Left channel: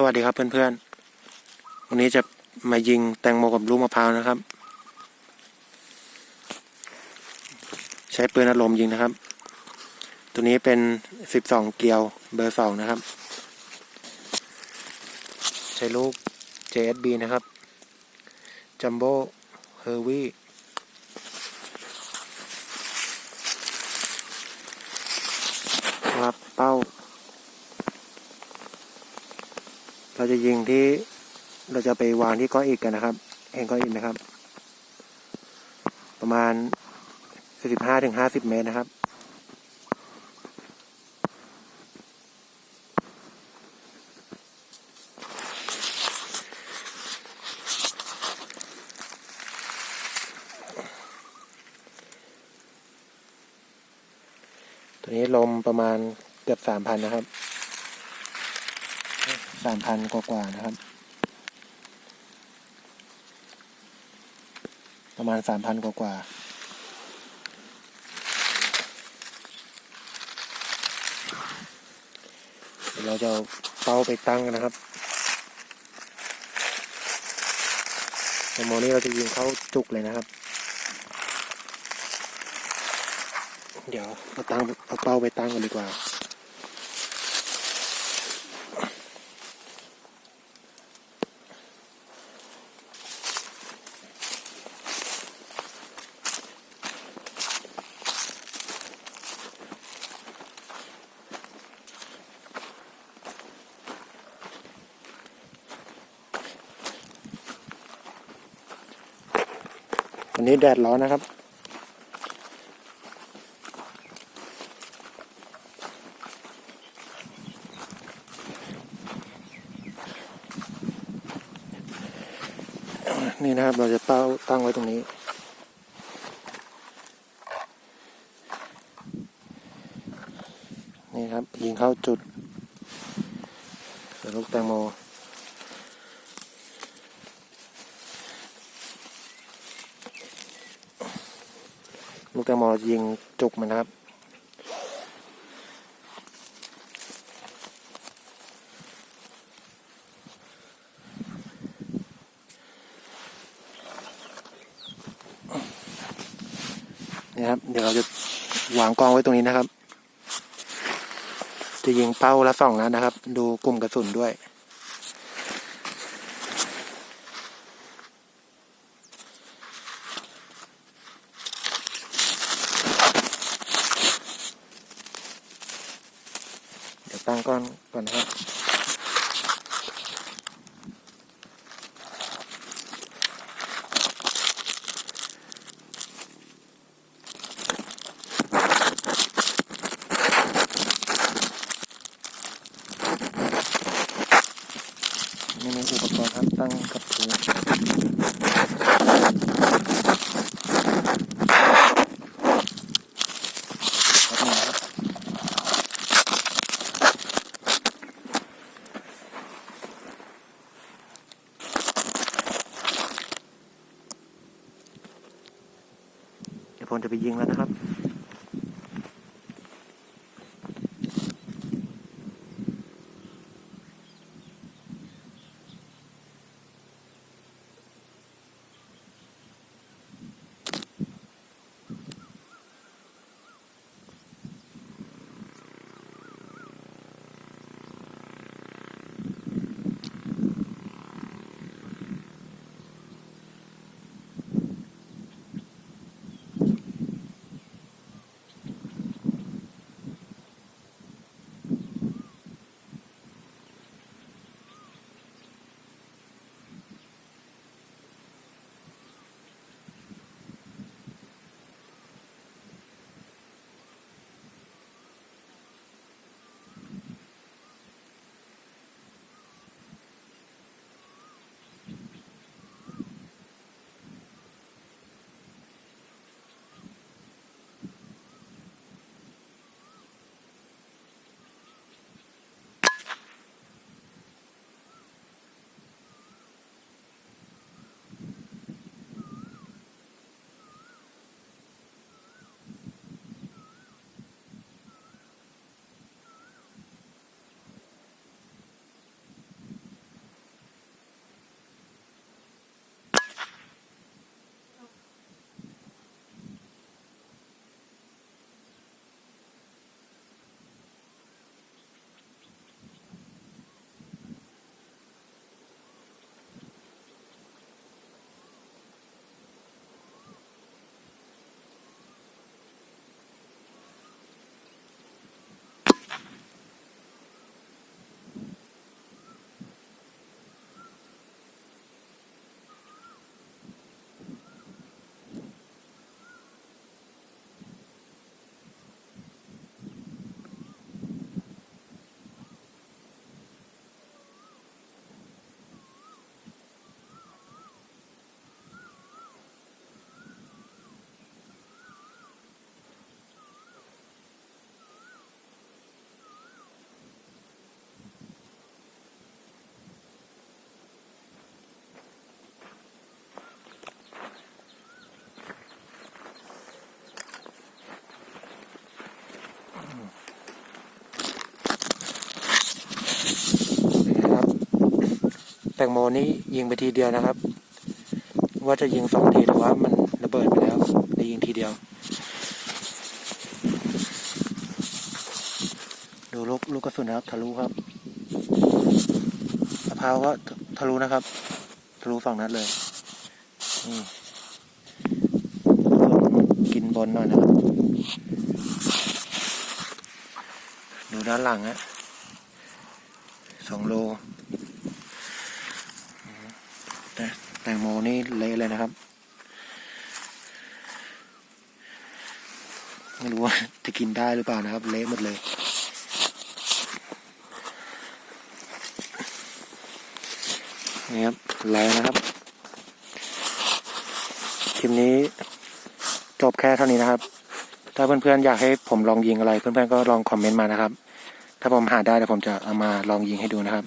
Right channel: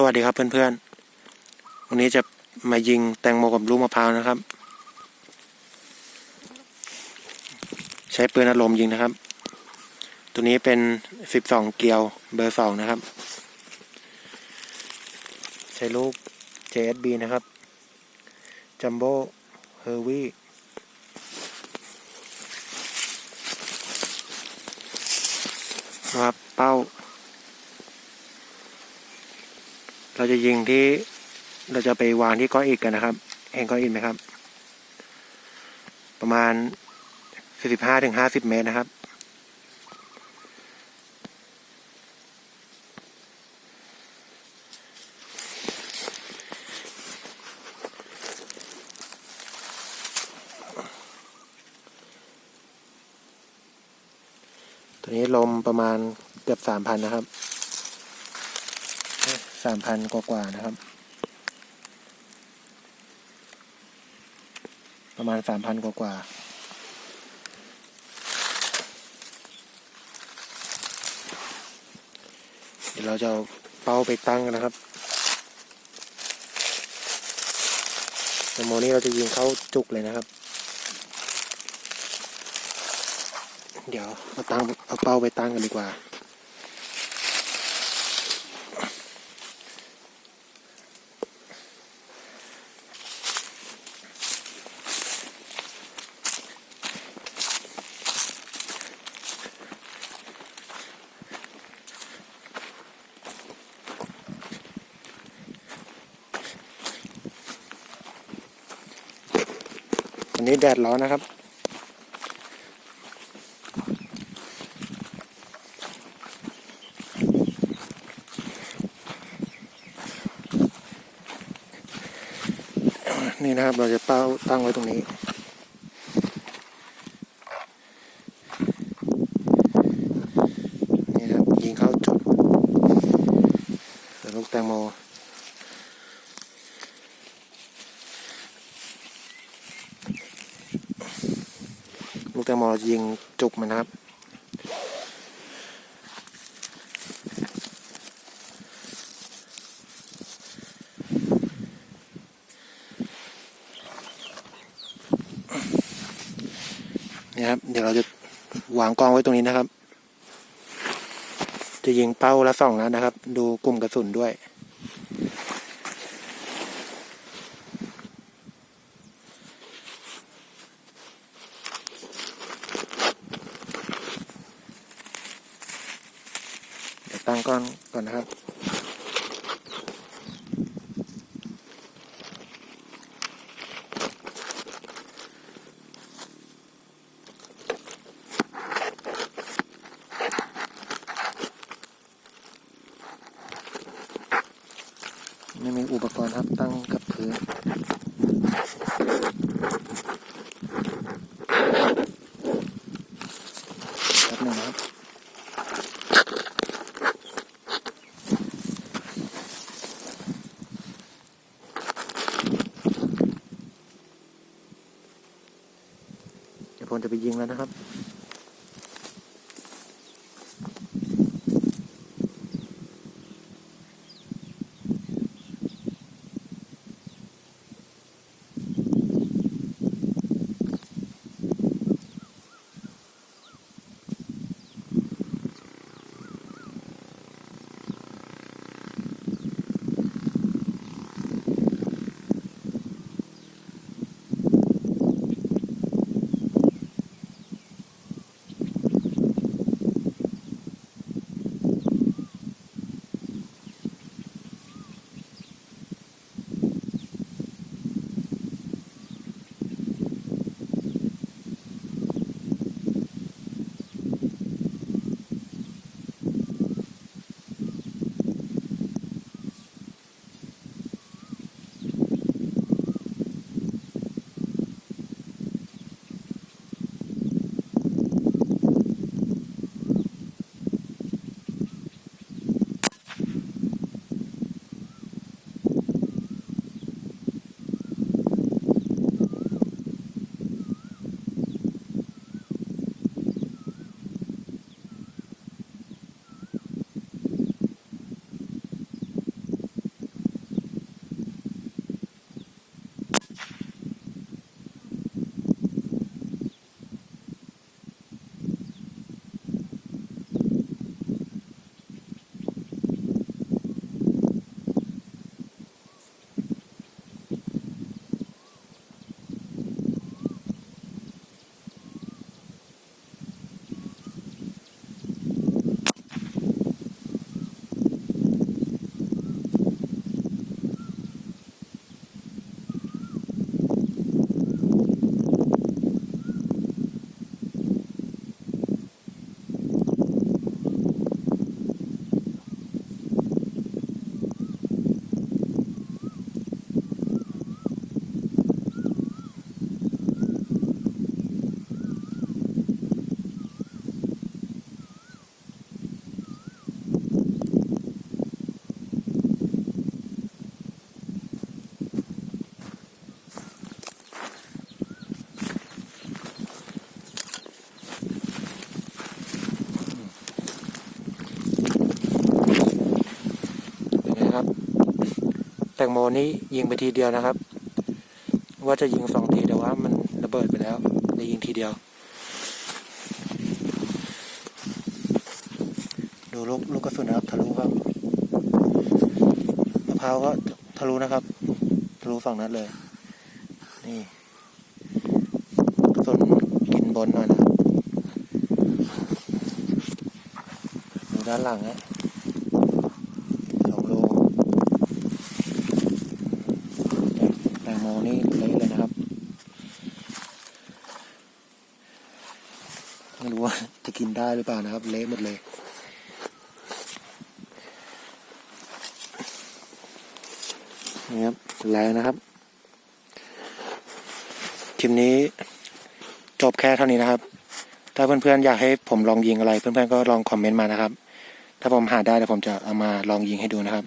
สวัสดีครับเพื่อนๆวันนี้จะมายิงแตงโมกับลูกมะพร้าวนะครับใช้ปืนอารมณ์ยิงนะครับตัวนี้เป็น12เกลียวเบอร์2นะครับใช้ลูก JSB นะครับจัมโบ้เฮอร์วี่ครับเป้าเราจะยิงที่เราจะไปวางที่ก้อนอิฐกันนะครับเห็นก้อนอิฐไหมครับประมาณ45-50 เมตรนะครับตัวนี้ลมประมาณเกือบ 3,000 นะครับ 3,000 กว่าๆนะครับประมาณ 3,000 กว่าเดี๋ยวเราจะเอาเป้าไปตั้งกันนะครับแตงโมนี้เราจะยิงเข้าจุกเลยนะครับเดี๋ยวเอาเป้าไปตั้งกันดีกว่าวันนี้แดดร้อนนะครับนี่นะครับเราจะเป้าตั้งไว้ตรงนี้นี่นะครับยิงเข้าจุดลูกแตงโมลูกแตงโมเราจะยิงจุกมันนะครับนี่ครับเดี๋ยวเราจะวางกองไว้ตรงนี้นะครับจะยิงเป้าละ2 นัดนะครับดูกลุ่มกระสุนด้วยเดี๋ยวตั้งก่อนนะครับนี่มีอุปกรณ์ครับตั้งกับพื้นครับนี่นะครับเดี๋ยวผมจะไปยิงแล้วนะครับ แตงโมนี้ยิงไปทีเดียวนะครับ ว่าจะยิง2 ทีแต่ว่ามันระเบิดไปแล้วเลยยิงทีเดียว ดูลูกกระสุนนะครับทะลุครับมะพร้าวก็ทะลุนะครับทะลุ2 นัดเลยนี่กระสุนกินบนหน่อยนะครับดูด้านหลังฮะ2 โลแตงโมนี่เละเลยนะครับไม่รู้ว่าจะกินได้หรือเปล่านะครับเละหมดเลยนี่ครับแล้วนะครับคลิปนี้จบแค่เท่านี้นะครับถ้าเพื่อนๆอยากให้ผมลองยิงอะไรเพื่อนๆก็ลองคอมเมนต์มานะครับถ้าผมหาได้เดี๋ยวผมจะเอามาลองยิงให้ดูนะครับ